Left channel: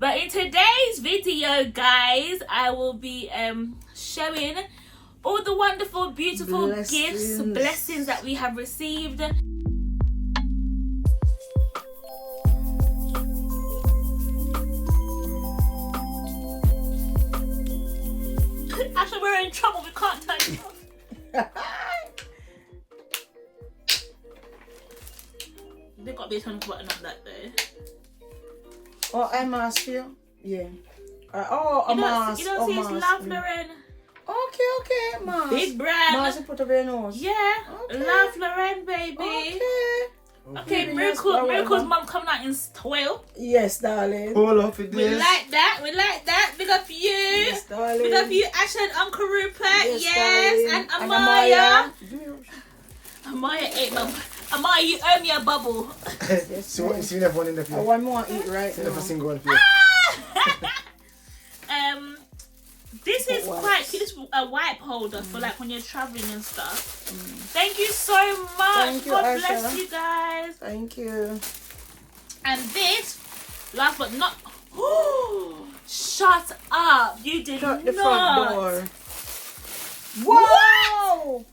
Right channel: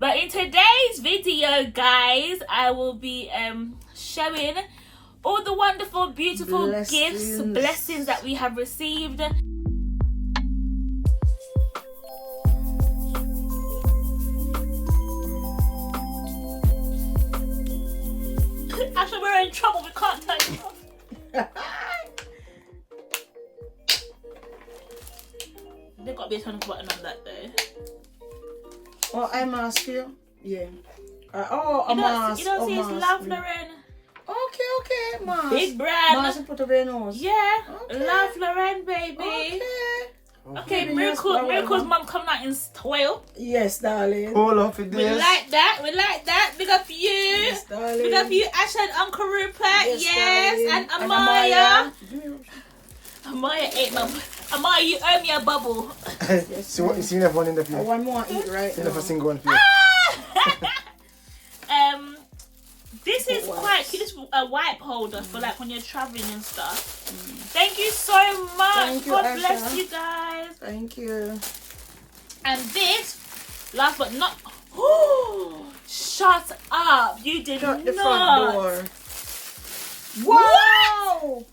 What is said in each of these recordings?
But in today's video, guys, I will be showing all the wonderful, beautiful blessings that we have received. Actually, we're in trouble. We can't turn it off. There got to be a turn off button on that though. Oh, I mask you? Yeah. A mask. You don't see it's Love Lauren. Okay, mask. Big brand. Mask you put over your nose. Yeah. Okay. Love Lauren, baby. Okay, Miracle's mum coming out in style. Yes, darling. Hold up with We this. like that. Big up you. Yes, darling. Big up you, Ash and Uncle Rupert. Yes, darling. and Amaya. Amaya ate my. Amaya, you owe me a bubble. Yes, See you never one in the I field. want more eat right See never now. single one for you. This is quite cute. This is a wipe holder for like when you're traveling and stuff. Thank you so much. Thank you, God Asha. bless you guys. Thank you. And this, last but not. Shut up! You did Shut not. the front door. What?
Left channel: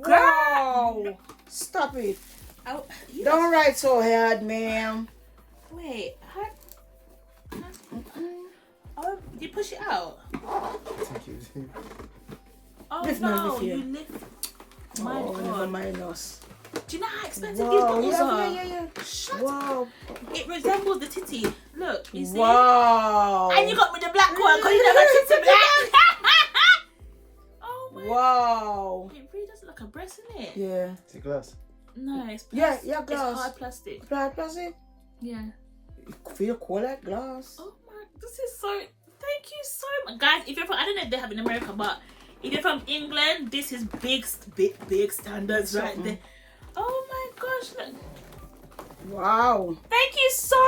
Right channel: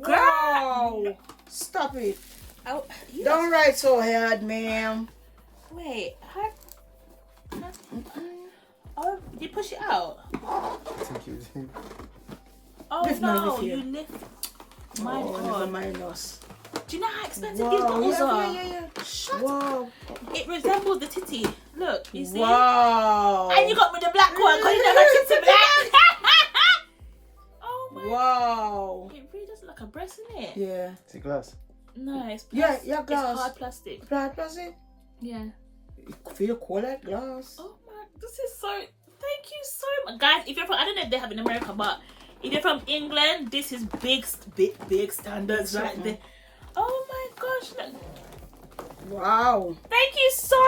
Girl! Stop it. You Don't write so hard, ma'am. Wait. Oh, did you push it out? Thank you. Oh Lift no, now, lift you here. lift. My Never God. mind us. Do you know how expensive these bottles are? Yeah. Shut Wow. It resembles the titty. Look, you see? Wow. And you got me the black one because you know my tits are black. Oh my. Wow. It really does look like a breast, isn't it? Yeah. Take glass. No, it's Yeah, plastic. glass. It's hard plastic. Plastic? Yeah. It feel cold like glass. Oh my, this is so. Thank you so much, guys. If you're from, I don't know if they have in America, but if you're from England, this is big standards right there. Oh my gosh, look. Wow. Thank you so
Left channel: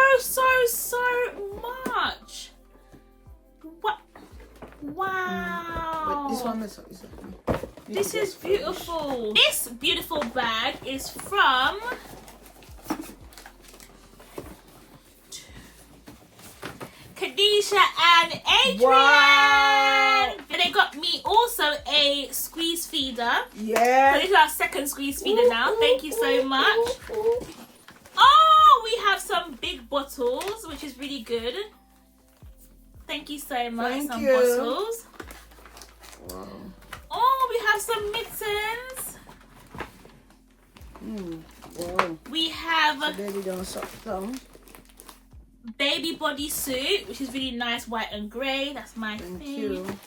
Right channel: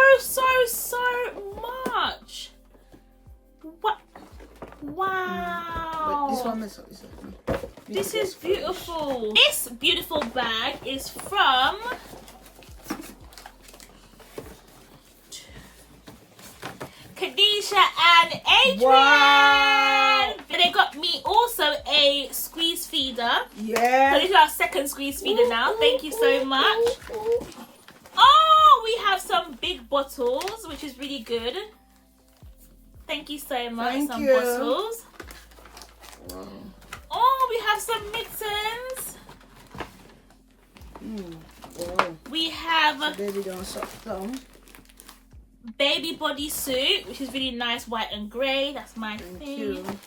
much. What? Wow. But this one is This is beautiful. This beautiful bag is from Khadijah and Adrian. Wow. And they got me also a squeeze feeder. Yeah. So this is our second squeeze feeder now. Thank you so much. Oh, we have some big bottles, which is really good. Thank you so much. Thank some you. bottles. Wow. Oh, we have some mittens. Wow. We have Baby don't suck thumb. baby bodysuit, which is really nice, white and grey. That's my Thank thing. you.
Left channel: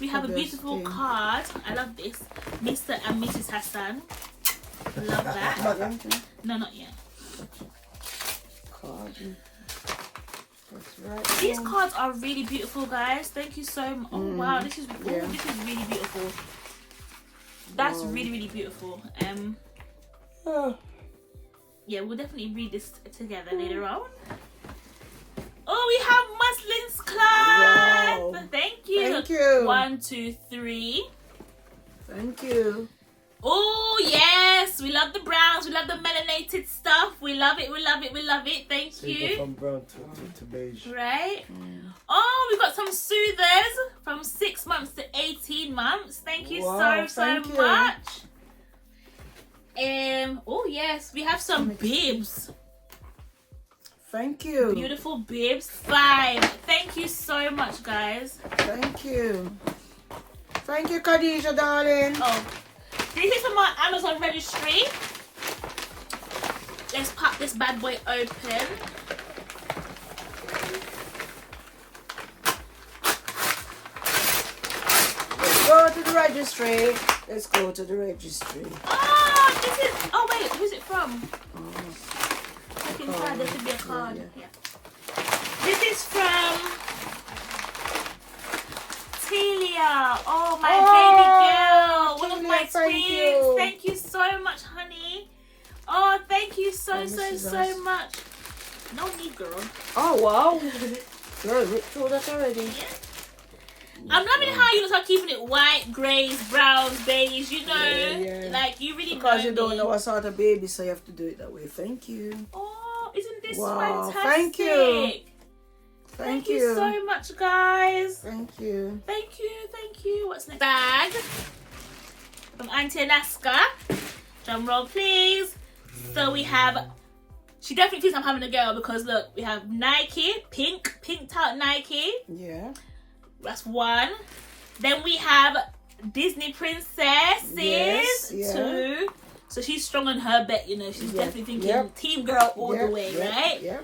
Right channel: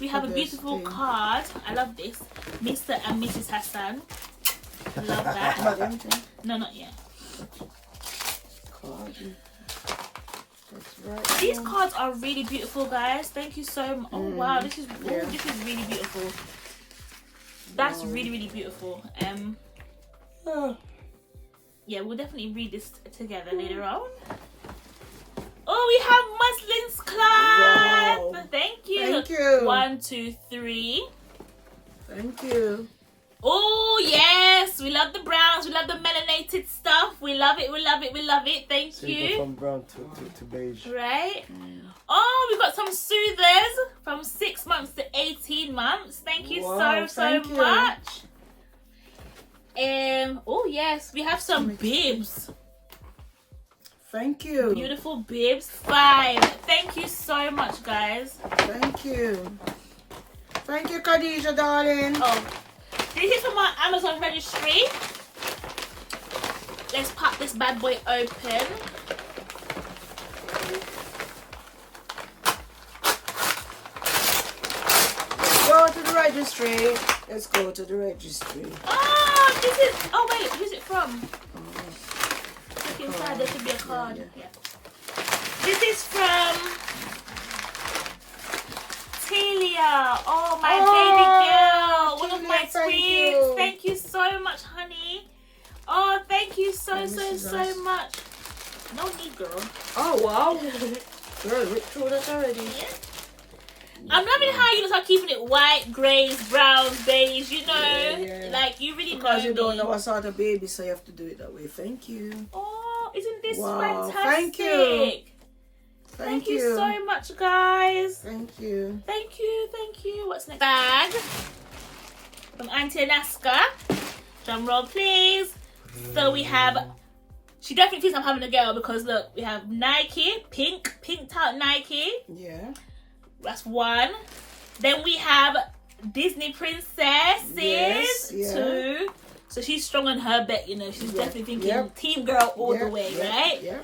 We have a The best beautiful thing. card. I love this. Mr. and Mrs. Hassan. Love that. But empty. No, not yet. Card. That's right. These cards are really beautiful, guys. Thank you so much. Oh wow, this is this is really beautiful. That's really beautiful. Yeah, we'll definitely read this together later on. Oh, we have Muslims Club. Wow. Thank you. Thank you. 1, 2, 3. Thank you. Oh yes, we love the browns. We love the melanated stuff. We love it. Thank So you go you. from brown to beige. Right. Oh, we got some soothers from 6 months to 18 months. Thank you Wow, so thank you. much. Oh yes, we have some bibs. Thank you. Beautiful bibs. 5. Thank you so much, guys. Thank you. Thank you, Khadijah, darling. Oh, this is from our Amazon registry. Let's pop this bad boy open. Let's go to the registry. Let's go to the registry. Oh, this is. Oh wait, who's it from? Look inside. There should be a card. Yeah. This is from Telia. Oh, my baby girl. One of Telia, my thank twins. you. Thank you so much, honey. Oh, thank you so this is so nice. much. No need, girl. Oh, wow. Good, we told us already. I'm loving how you start keeping it white, greys, browns, beige. You know, Yeah. like you really Because know you don't me. know what sort of baby, so you have to do it that way. Thank you. Oh, isn't this Wow, fantastic? thank you. Thank you so much, guys. Thank you. Thank you, thank you. What's next? Bag from Auntie Alaska. Drum roll, please. So we have. She definitely thinks I'm having a girl because look, we have Nike, pinked out Nike. Yeah. That's one. Then we have Disney princesses. Yes, yeah. Two. So she's strong on her bet, you know. She's definitely thinking team girl all the way, right? Yeah.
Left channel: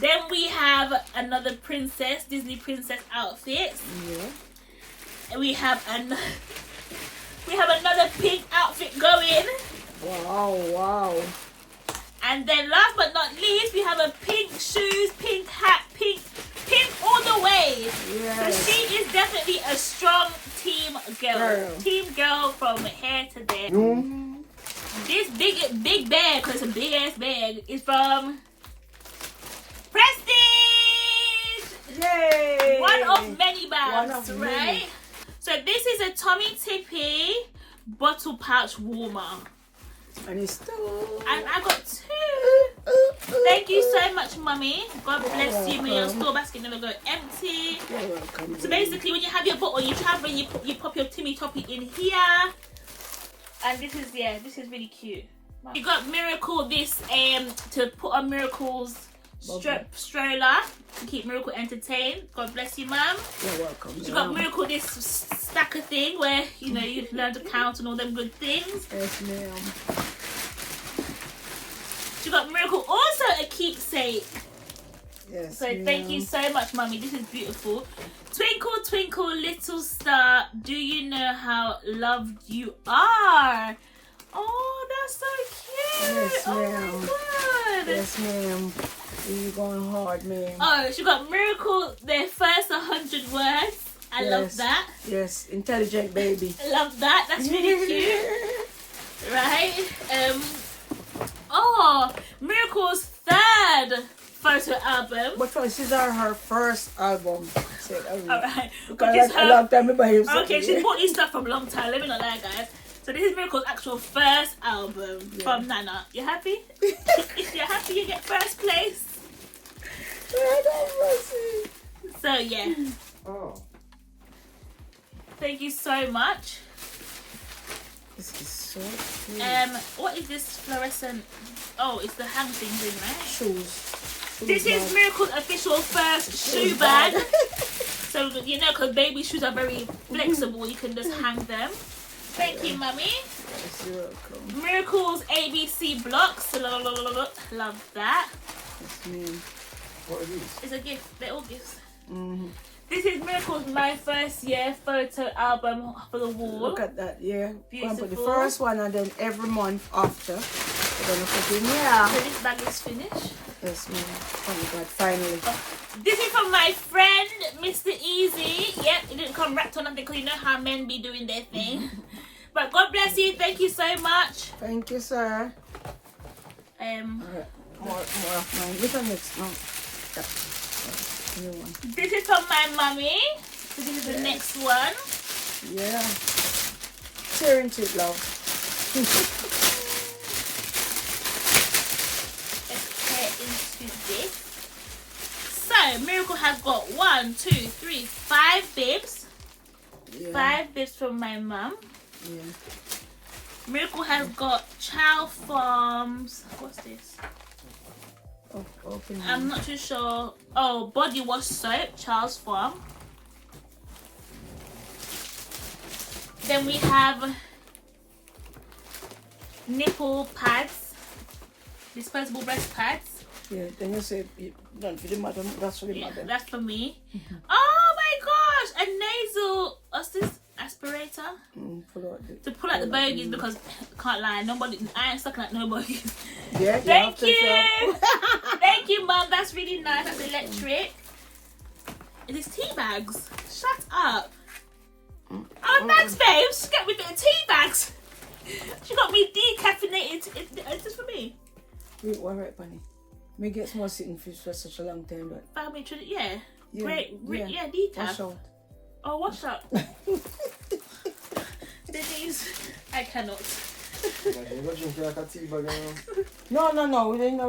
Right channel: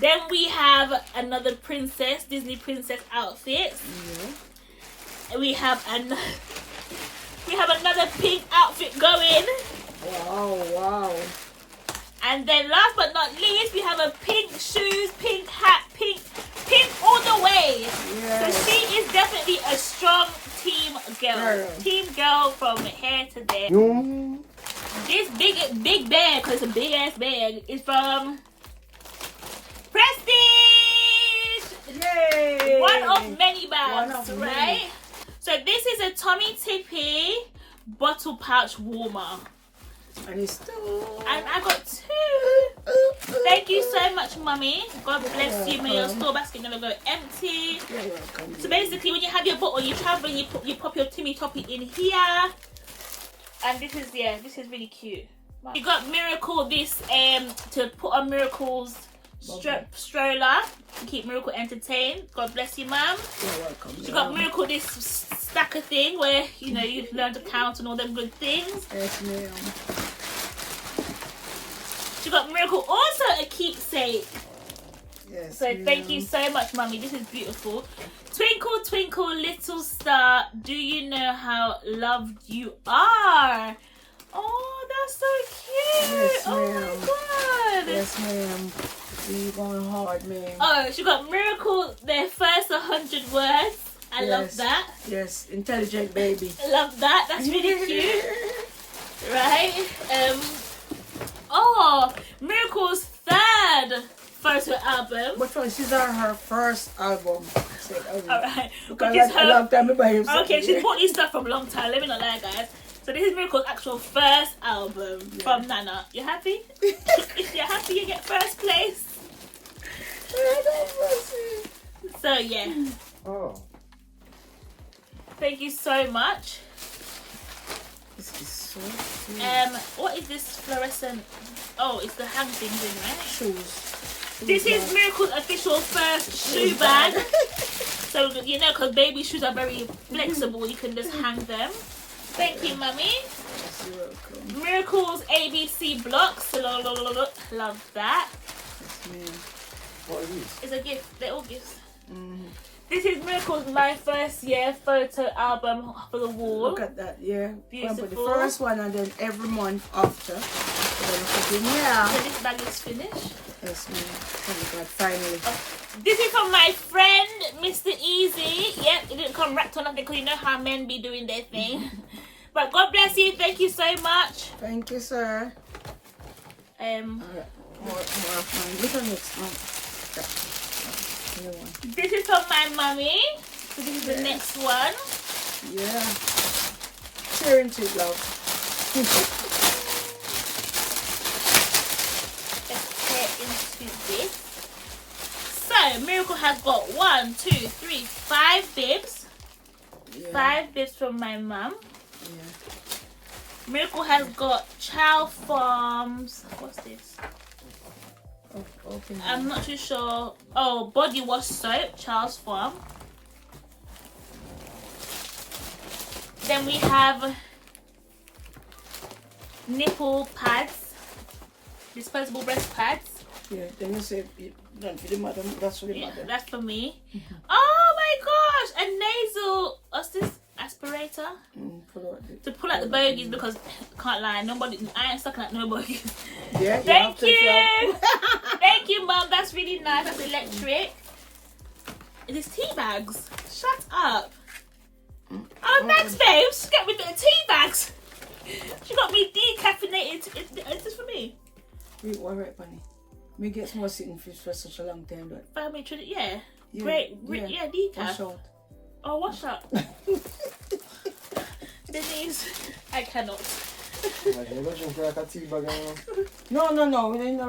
Then we have another princess, Disney princess outfits. Yeah. And we have another pink outfit going. Wow. And then last but not least, we have a pink shoes, pink hat, pink all the way. Yes. So she is definitely a strong team girl. Team girl from here to there. This big bag, because it's a big ass bag, is from Prestige. Yay! One of many bags, One of right? many. So this is a Tommy Tippy bottle pouch warmer. And it's two. And I got two. Thank you so much, Mummy. God bless you. May your store basket never go empty. You're welcome. So basically, when you have your bottle, you travel, you pop your Timmy Toppy in here. And this is really cute. You got Miracle this to put on Miracle's stroller to keep Miracle entertained. God bless you, Mum. You're welcome. You got Miracle this stacker thing where you know you've learned to count and all them good things. Yes, ma'am. You got Miracle also a keepsake. Yes. So thank you so much, Mummy. This is beautiful. Twinkle, twinkle, little star, do you know how loved you are? Oh, that's so cute. Yes, oh ma'am. my god. Yes, ma'am. You going hard, ma'am. Oh, she got Miracle their first 100 words. I love that. Yes, intelligent baby. I love that. That's really cute. Right? Oh, Miracle's third photo album. But this is her first album. Alright. Because a long time ago. Okay, she's bought this stuff from a long time. Let me not lie, guys. So this is Miracle's actual first album from Nana. You happy? If you're happy, you get first place. So yeah. Oh. Thank you so much. This is so cute. What is this fluorescent? Oh, it's the hang things in, right? Shoes. This is Miracle's official first shoe bag. So you know, because baby shoes are very flexible, you can just hang them. Thank you, Mummy. Yes, you're welcome. Miracle's ABC blocks. Love that. Yes, ma'am. What are these? It's a gift. They're all gifts. Mm-hmm. This is Miracle's My First Year photo album for the wall. Look at that, yeah. Beautiful. Put the first one and then every month after. Then put in here. So this bag is finished. Yes, ma'am. Oh my God, finally. This is from my friend, Mr. Easy. Yep, it didn't come wrapped on nothing because you know how men be doing their thing. But God bless you. Thank you so much. Thank you, sir. Alright, more of mine. Look at next one. New one. This is from my mummy. So this is the next one. Yeah. Tear into it, love. Let's tear into this. So Miracle has got 1, 2, 3, 5 bibs. Yeah. 5 bibs from my mum. Yeah. Miracle has got Chow Farms. What's this? Open I'm not too sure. Oh, body wash soap, Charles Farm. Then we have nipple pads, disposable breast pads. Yeah, then you say, not for the mother, that's for the mother. That's for me. Oh my gosh, a nasal, what's this? Aspirator to pull out the bogies because can't lie, I ain't sucking at no bogies. Yeah, Thank you. Thank you, Mum. That's really nice. That's electric. It is tea bags. Shut up. Oh, thanks, babes. Get me the tea bags. She got me decaffeinated. Is this for me? Wait, one right, Bunny. Me get more sitting fish for such a long time, but Family tradition. Yeah. yeah, Great. Yeah, decaf. Wash out. Oh, wash up. Denise, I cannot. You're not drinking like a tea bag anymore. No, we didn't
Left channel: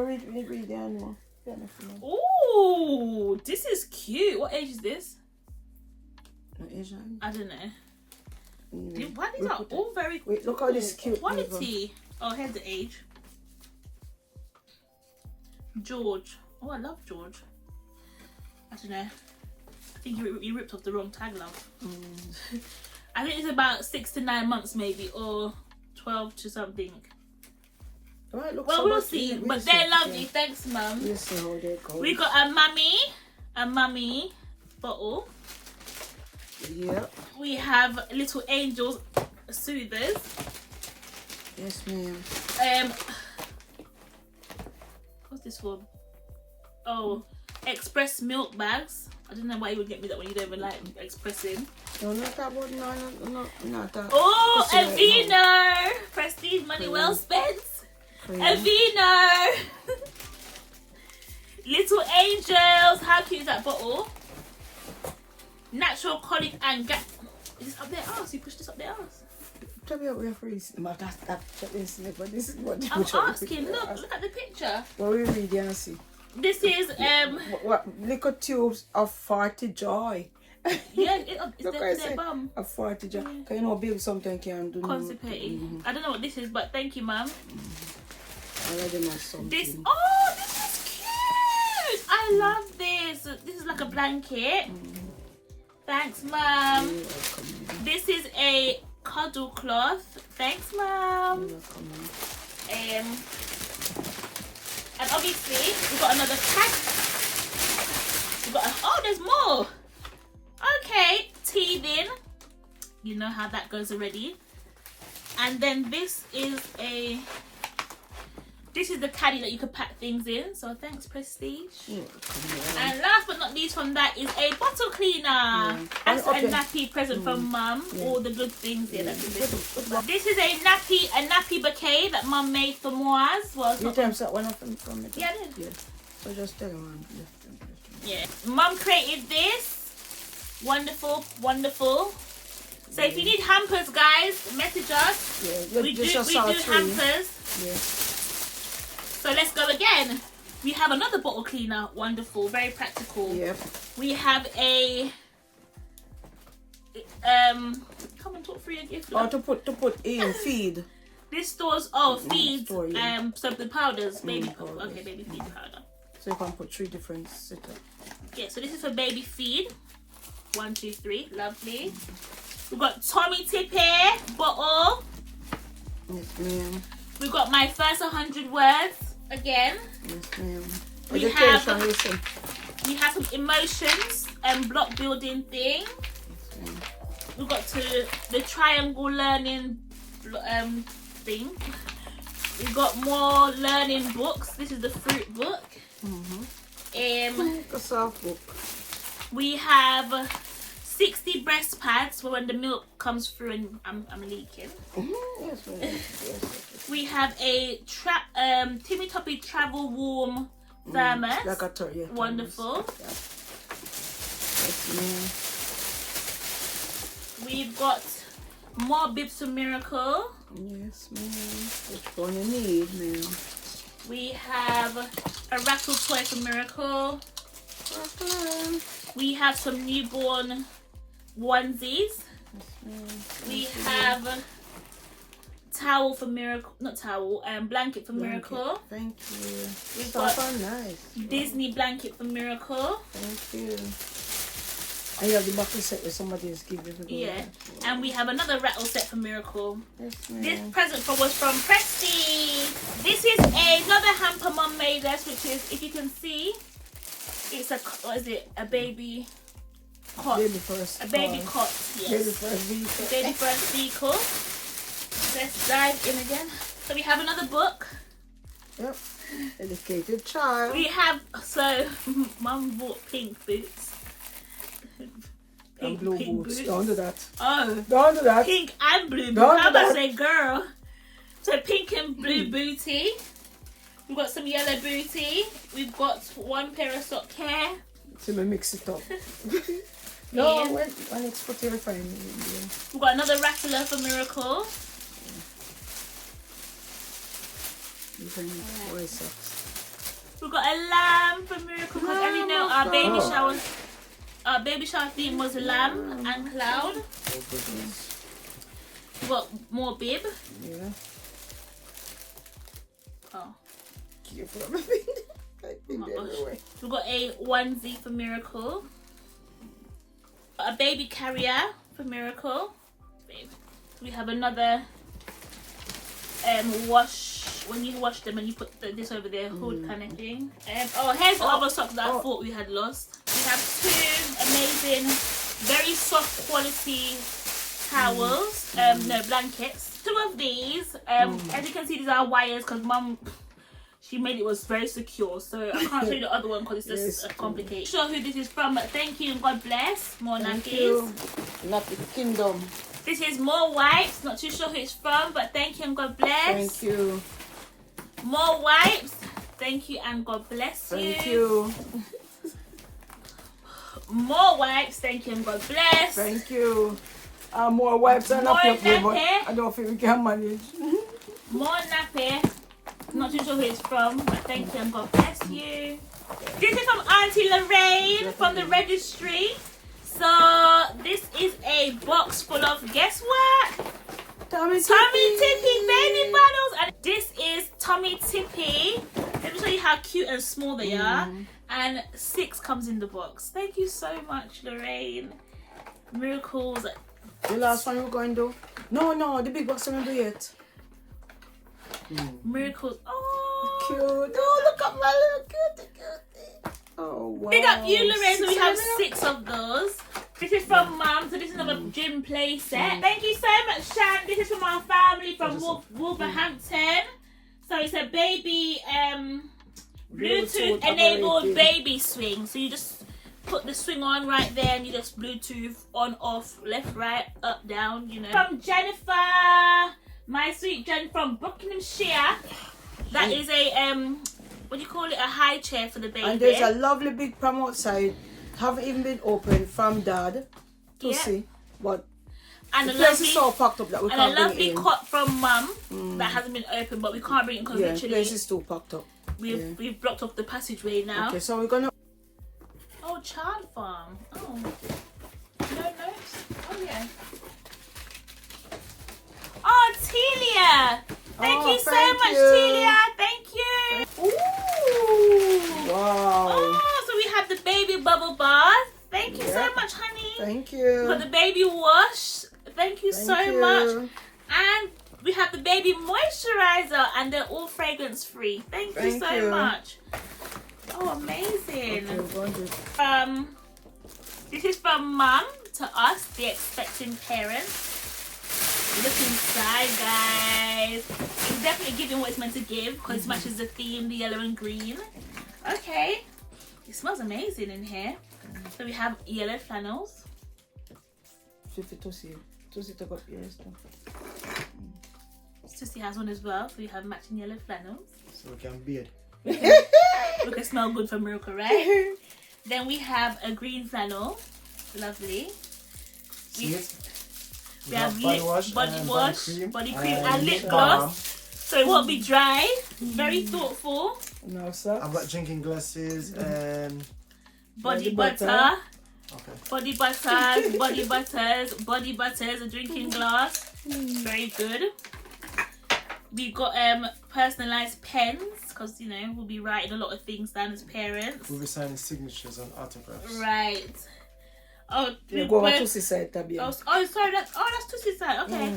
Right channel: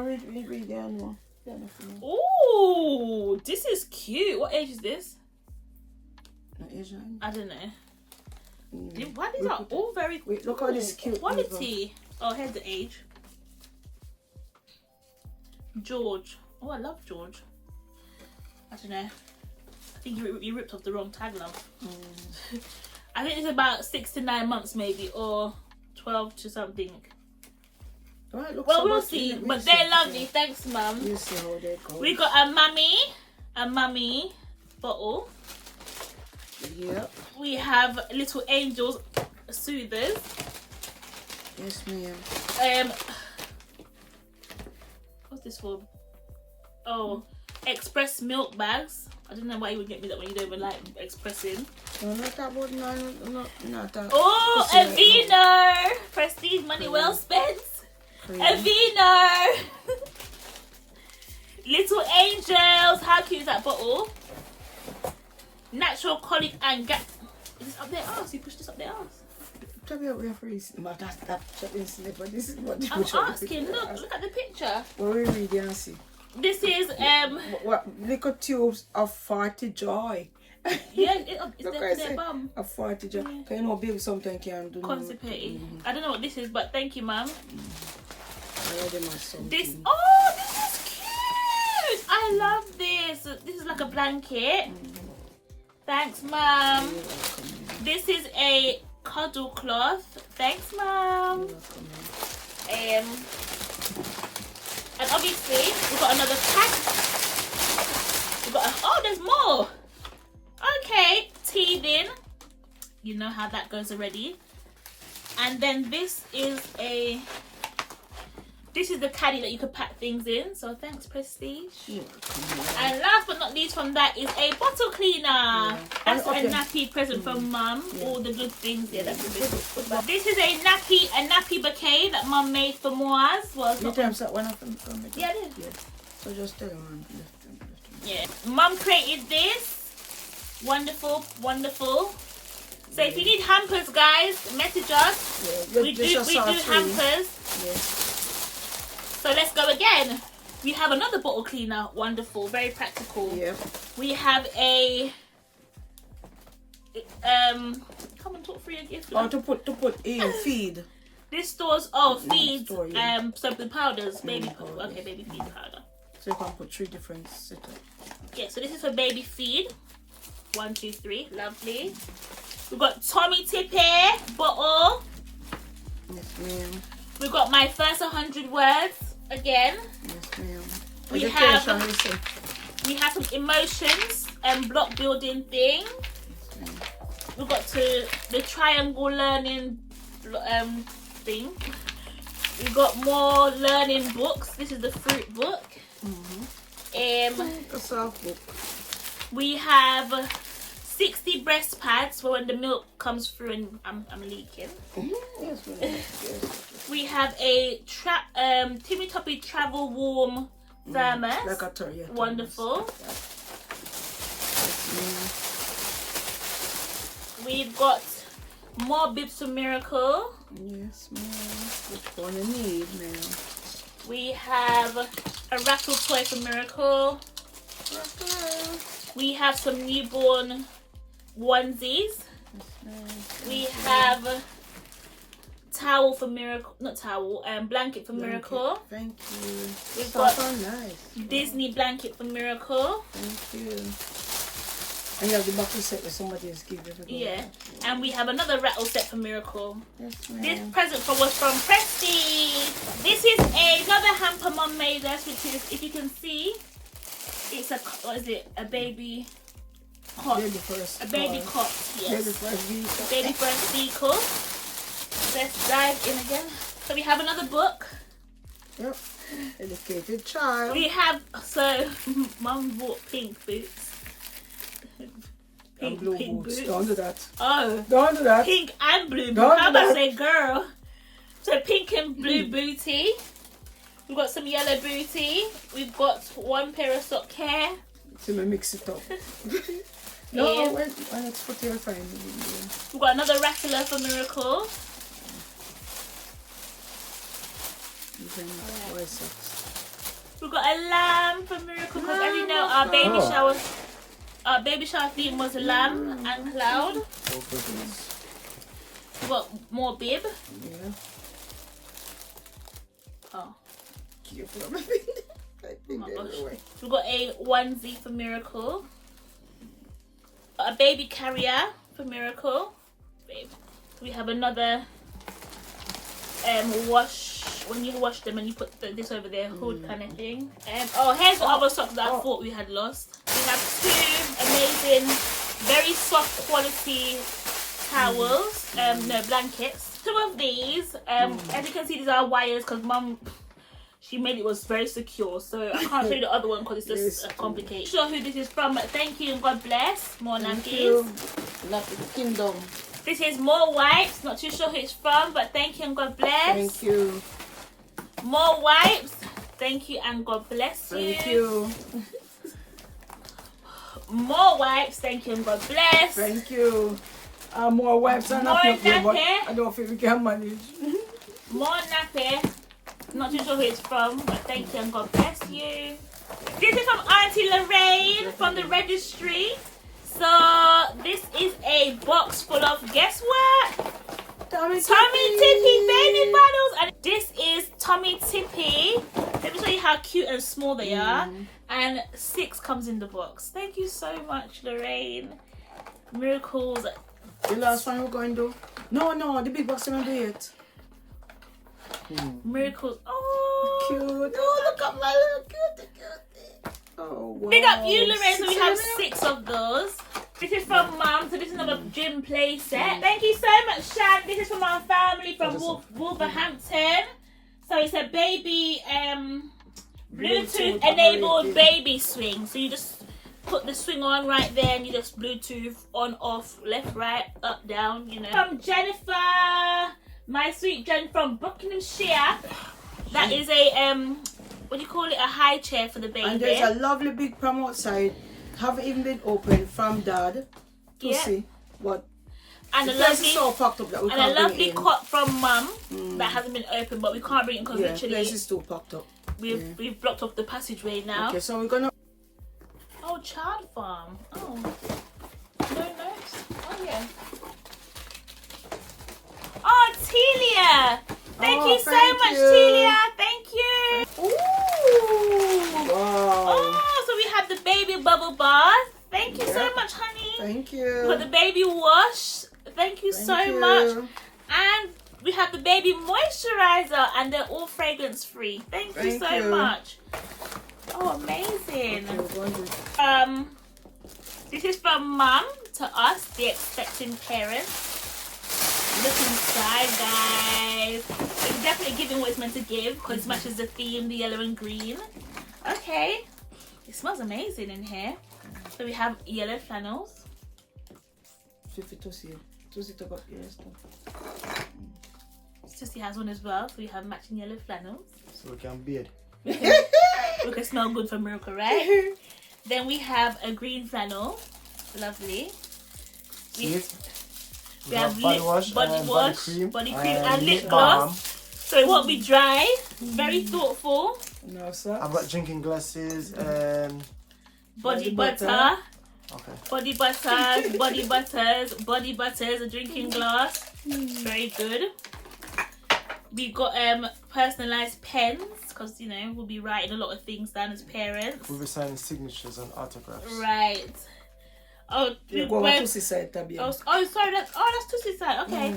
read the animal. Ooh, Oh, this is cute. What age is this? Not Asian. I don't know. Mm. Why these are all very Wait, look how this cute. quality. Oh, here's the age. George. Oh, I love George. I don't know. I think you ripped off the wrong tag, love. Mm. I think it's about 6 to 9 months, maybe, or 12 to something. Right, look, Well, so we'll much- see. we'll But see. they're lovely. Yeah. Thanks, Mum. We'll see how they go. We got a mummy bottle. Yeah. We have little angels soothers. Yes, ma'am. What's this for? Oh, express milk bags. I don't know why you would get me that when you don't even like expressing. No, not that one. No, not that. Oh, Pussy a right Vino! Prestige money well spent. For A you. Vino! Little angels. How cute is that bottle? Natural colic and gas. Is this up their ass? You push this up their ass? Tell me what referees. That isn't but this is what I'm asking. Look at the picture. What we read and see. This is What little tubes of 40 joy. yeah, it's Look, I their say, bum. of 40 joy. Yeah. Can you know, baby, sometimes can do. Constipated. I don't know what this is, but thank you, Mum. I already know something. This is cute. I love this. This is like a blanket. Thanks, Mum. You're welcome. This is a cuddle cloth. Thanks, Mum. You're welcome. And obviously we've got another pack. Oh, there's more. Okay, teething. You know how that goes already. And then this is the caddy that you could pack things in. So thanks, Prestige. You're welcome. And last but not least from that is a bottle cleaner. That's Okay. a nappy present from Mum. All the good things. Yeah, that's good. This is a nappy bouquet that Mum made for Moaz. Well, it's You not tell that one of them from it. Yeah, I did. Yeah. So just tell them. Yeah. Mum created this. Wonderful, wonderful. So if you need hampers, guys, message us. Yeah. We do hampers. Yeah. So let's go again. We have another bottle cleaner. Wonderful, very practical. Yep. We have a come and talk through your gift. Or to put in feed. This stores feeds store, yeah. so the powders, baby powders. okay, baby feed powder. So you can put 3 different setup. Yeah, so this is for baby feed. 1, 2, 3, lovely. We've got Tommy Tippy bottle. Yes, ma'am. We've got my first 100 words again. Yes, ma'am. We Education, listen. We have some emotions and block building thing. Yes, ma'am. We've got the triangle learning thing. We've got more learning books. This is the fruit book. A soft book. We have 60 breast pads for when the milk comes through and I'm leaking. Yes, ma'am. Yes. We have a Timmy Toppy travel warm thermos. Like a toy, yeah, Wonderful. Yes, ma'am. We've got more bibs for Miracle. Yes, ma'am. Which one you need, ma'am? We have a rattle toy for Miracle. We have some newborn onesies. We have towel for Miracle, not towel, blanket for Miracle. Thank you. We've Got got nice. Disney blanket for Miracle. Thank you. And you have the buckle set that somebody has given you. Yeah. And we have another rattle set for Miracle. Yes, ma'am. This present was from Prestige. This is another hamper Mum made us, which is, if you can see, it's a baby cot. Baby first. A baby cot, yes. Baby first vehicle. Baby first vehicle. Let's dive in again. So we have another book. Yep. Educated child. We have, so Mum bought pink boots. And blue boots. Don't do that. Oh. Don't do that. Pink and blue boots. Don't How do about that. say girl? So pink and blue booty. We've got some yellow booty. We've got one pair of sock hair. So we mix it up. No, Yeah. when it's put your fine. We've got another rattler for Miracle. You can wear socks. We've got a lamb for Miracle because as you know our baby shower theme was lamb and cloud. We've got more bib. Yeah. Oh. Oh my gosh. We've got a onesie for Miracle. A baby carrier for Miracle. We have another wash when you wash them and you put this over their hood kind of thing. Oh, here's the other socks that I thought we had lost. We have 2 amazing, very soft quality towels. No, blankets. 2 of these. As you can see, these are wires because Mum, she made it was very secure, so I can't show you the other one because it's just complicated. Sure who this is from, but thank you and God bless. More nappies. Nappy Kingdom. This is more wipes. Not too sure who it's from, but thank you and God bless. Thank you. More wipes. Thank you and God bless you. Thank you. More wipes. Thank you and God bless. Thank you. More wipes and more nappy, but nappy. I don't think we can manage. More nappy. Not too sure who it's from, but thank you and God bless you. This is from Auntie Lorraine from the Registry. So this is a box full of, guess what? Tummy Tippy baby bottles. And this is Tummy Tippy. Let me show you how cute and small they are. And 6 comes in the box. Thank you so much, Lorraine. Miracles. The last one we're going to do? No, the big box we're going to do it. Miracles. Oh, cute. Oh, look at my little cutie. Oh, wow. Big up you, Lorraine. So we have 6 of those. This is from Mum. So this is another gym play set. Thank you so much, Shan. This is from our family from Wolverhampton. So it's a baby Bluetooth enabled baby swing. So you just put the swing on right there and you just Bluetooth on, off, left, right, up, down, you know. From Jennifer. My sweet Jen from Buckinghamshire. That is a what do you call it? A high chair for the baby. And there's a lovely big pram outside. Haven't even been opened from Dad to see. But and the a place lovely is so packed up that we and can't a lovely bring it in. cot from Mum that hasn't been opened, but we can't bring it because literally the place is too packed up. We've blocked off the passageway now. Okay, so we're gonna. Oh, child farm. Oh, no notes. Oh yeah. Oh, Telia! Thank you so much, Telia. Thank you. Ooh! Wow! Oh, so we have the baby bubble bath. Thank you so much, honey. Thank you. For the baby wash. Thank you so much. And we have the baby moisturizer, and they're all fragrance free. Thank you so much. Oh, amazing. Okay, this is from Mum to us, the expecting parents. Look inside, guys. It's definitely giving what it's meant to give because it matches the theme, the yellow and green. Okay. It smells amazing in here. So we have yellow flannels. Tussie has one as well. So we have matching yellow flannels. So we can beard. We can smell good for Miracle, right? Then we have a green flannel. Lovely. We have body wash, body cream and lip gloss. So it won't be dry. Very thoughtful. No, sir. I've got drinking glasses and body butter. Okay. Body butters, a drinking glass. Very good. We got personalized pens because you know we'll be writing a lot of things down as parents. We'll be signing signatures and autographs. Right. Oh, go on Tussie's side, oh, sorry, that's Tussie's side. Okay.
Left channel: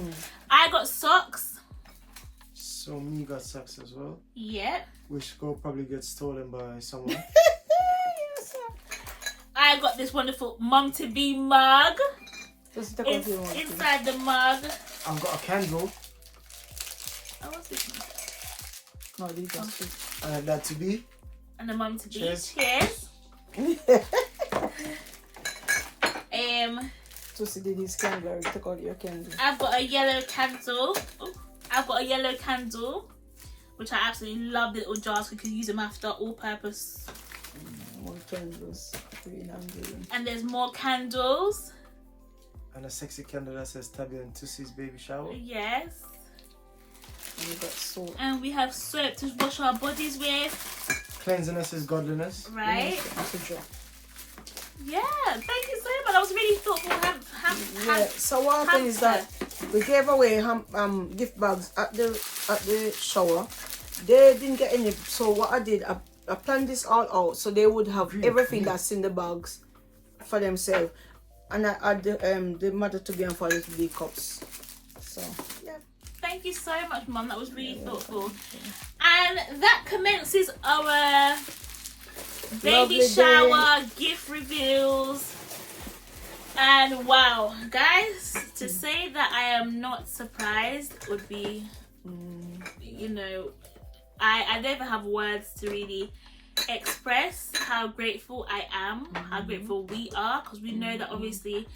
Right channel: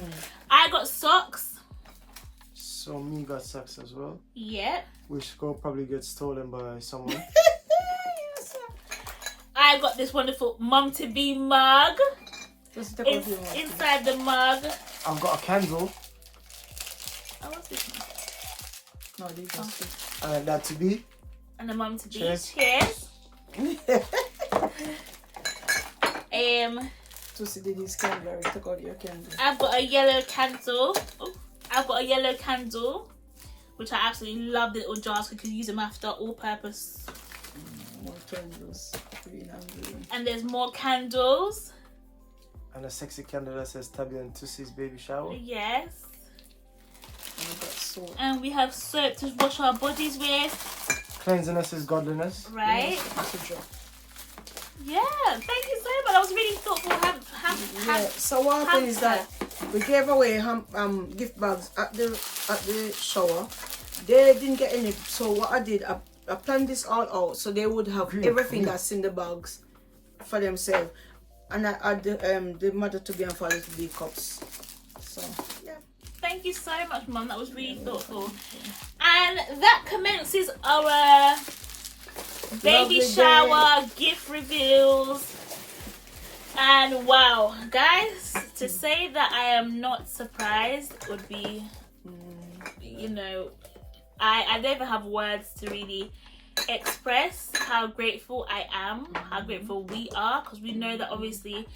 I got socks. So me got socks as well. Yeah. Which will probably get stolen by someone. I got this wonderful mum to be mug. Inside the mug. I've got a candle. Oh, what's this one? No, these are two. I have that to be. And the mum to be. Cheers. Cheers. Tussie did his candle. Take out your candle. I've got a yellow candle. Oh, I've got a yellow candle, which I absolutely love. The little jars, we can use them after all purpose. More candles, green and green. And there's more candles. And a sexy candle that says Tabby and Tussie's baby shower. Yes. And we got soap. And we have soap to wash our bodies with. Cleanliness is godliness. Right? That's a job. Yeah, thank you so much. That was really thoughtful. Yeah. So what happened is that we gave away gift bags at the shower. They didn't get any. So what I did, I planned this all out so they would have everything that's in the bags for themselves, and I had the mother to give them for little big cups. So yeah. Thank you so much, Mum. That was really thoughtful. And that commences our baby Lovely shower, gift reveals. And wow, guys, to say that I am not surprised would be, you know, I never have words to really express how grateful I am, how grateful we are, because we know that obviously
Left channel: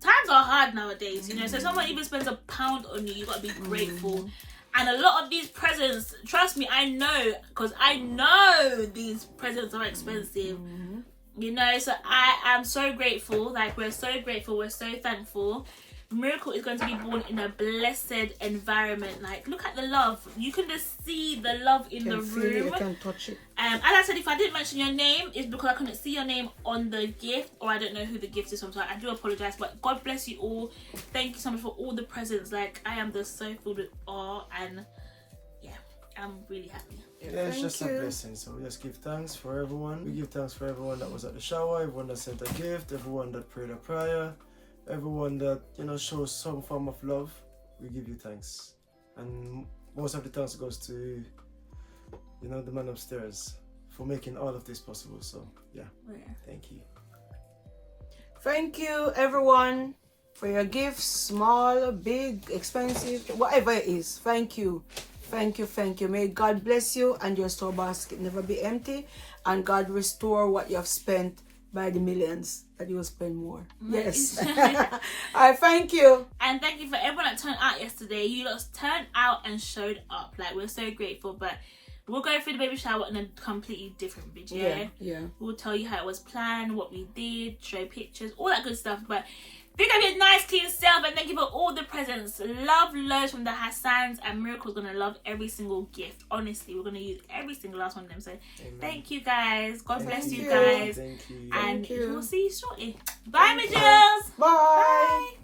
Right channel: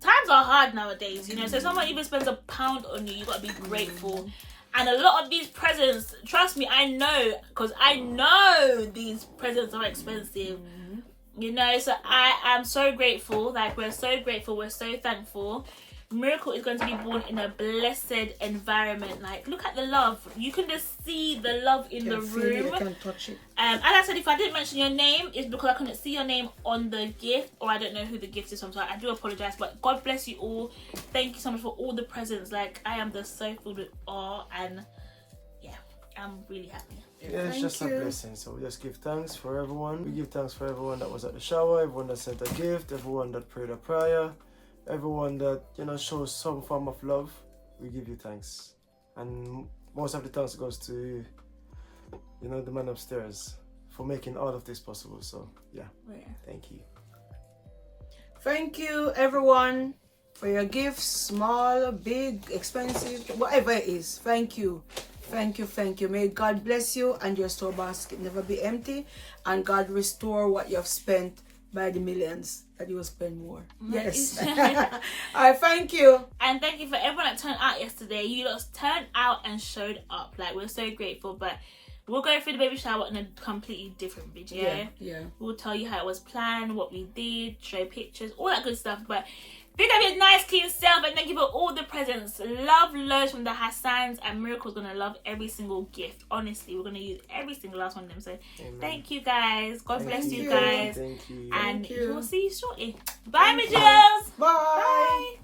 times are hard nowadays, you know. So if someone even spends £1 on you, you got to be grateful. And a lot of these presents, trust me, I know, because I know these presents are expensive, you know. So I am so grateful. Like, we're so grateful, we're so thankful. Miracle is going to be born in a blessed environment. Like, look at the love. You can just see the love in the room. I can touch it. As I said, if I didn't mention your name, it's because I couldn't see your name on the gift, or I don't know who the gift is. So I'm sorry. I do apologize, but God bless you all. Thank you so much for all the presents. Like, I am just so filled with awe, and yeah, I'm really happy. Yeah, it's just a blessing. So we just give thanks for everyone. We give thanks for everyone that was at the shower, everyone that sent a gift, everyone that prayed a prayer, everyone that, you know, shows some form of love. We give you thanks, and most of the thanks goes to, you know, the man upstairs for making all of this possible. So yeah, thank you. Thank you, everyone, for your gifts, small, big, expensive, whatever it is. Thank you. Thank you, thank you. May God bless you and your store basket never be empty, and God restore what you have spent by the millions that you will spend more. Yes. I thank you. And thank you for everyone that turned out yesterday. You lot turned out and showed up. Like, we're so grateful. But we'll go through the baby shower in a completely different video. Yeah. We'll tell you how it was planned, what we did, show pictures, all that good stuff. But pick up your nice clean self, and thank you for all the presents. Love loads from the Hassans, and Miracle's gonna love every single gift. Honestly, we're gonna use every single last one of them. So thank you guys. God bless you guys. Thank you. And we'll see you shortly. Bye, my dears. Bye.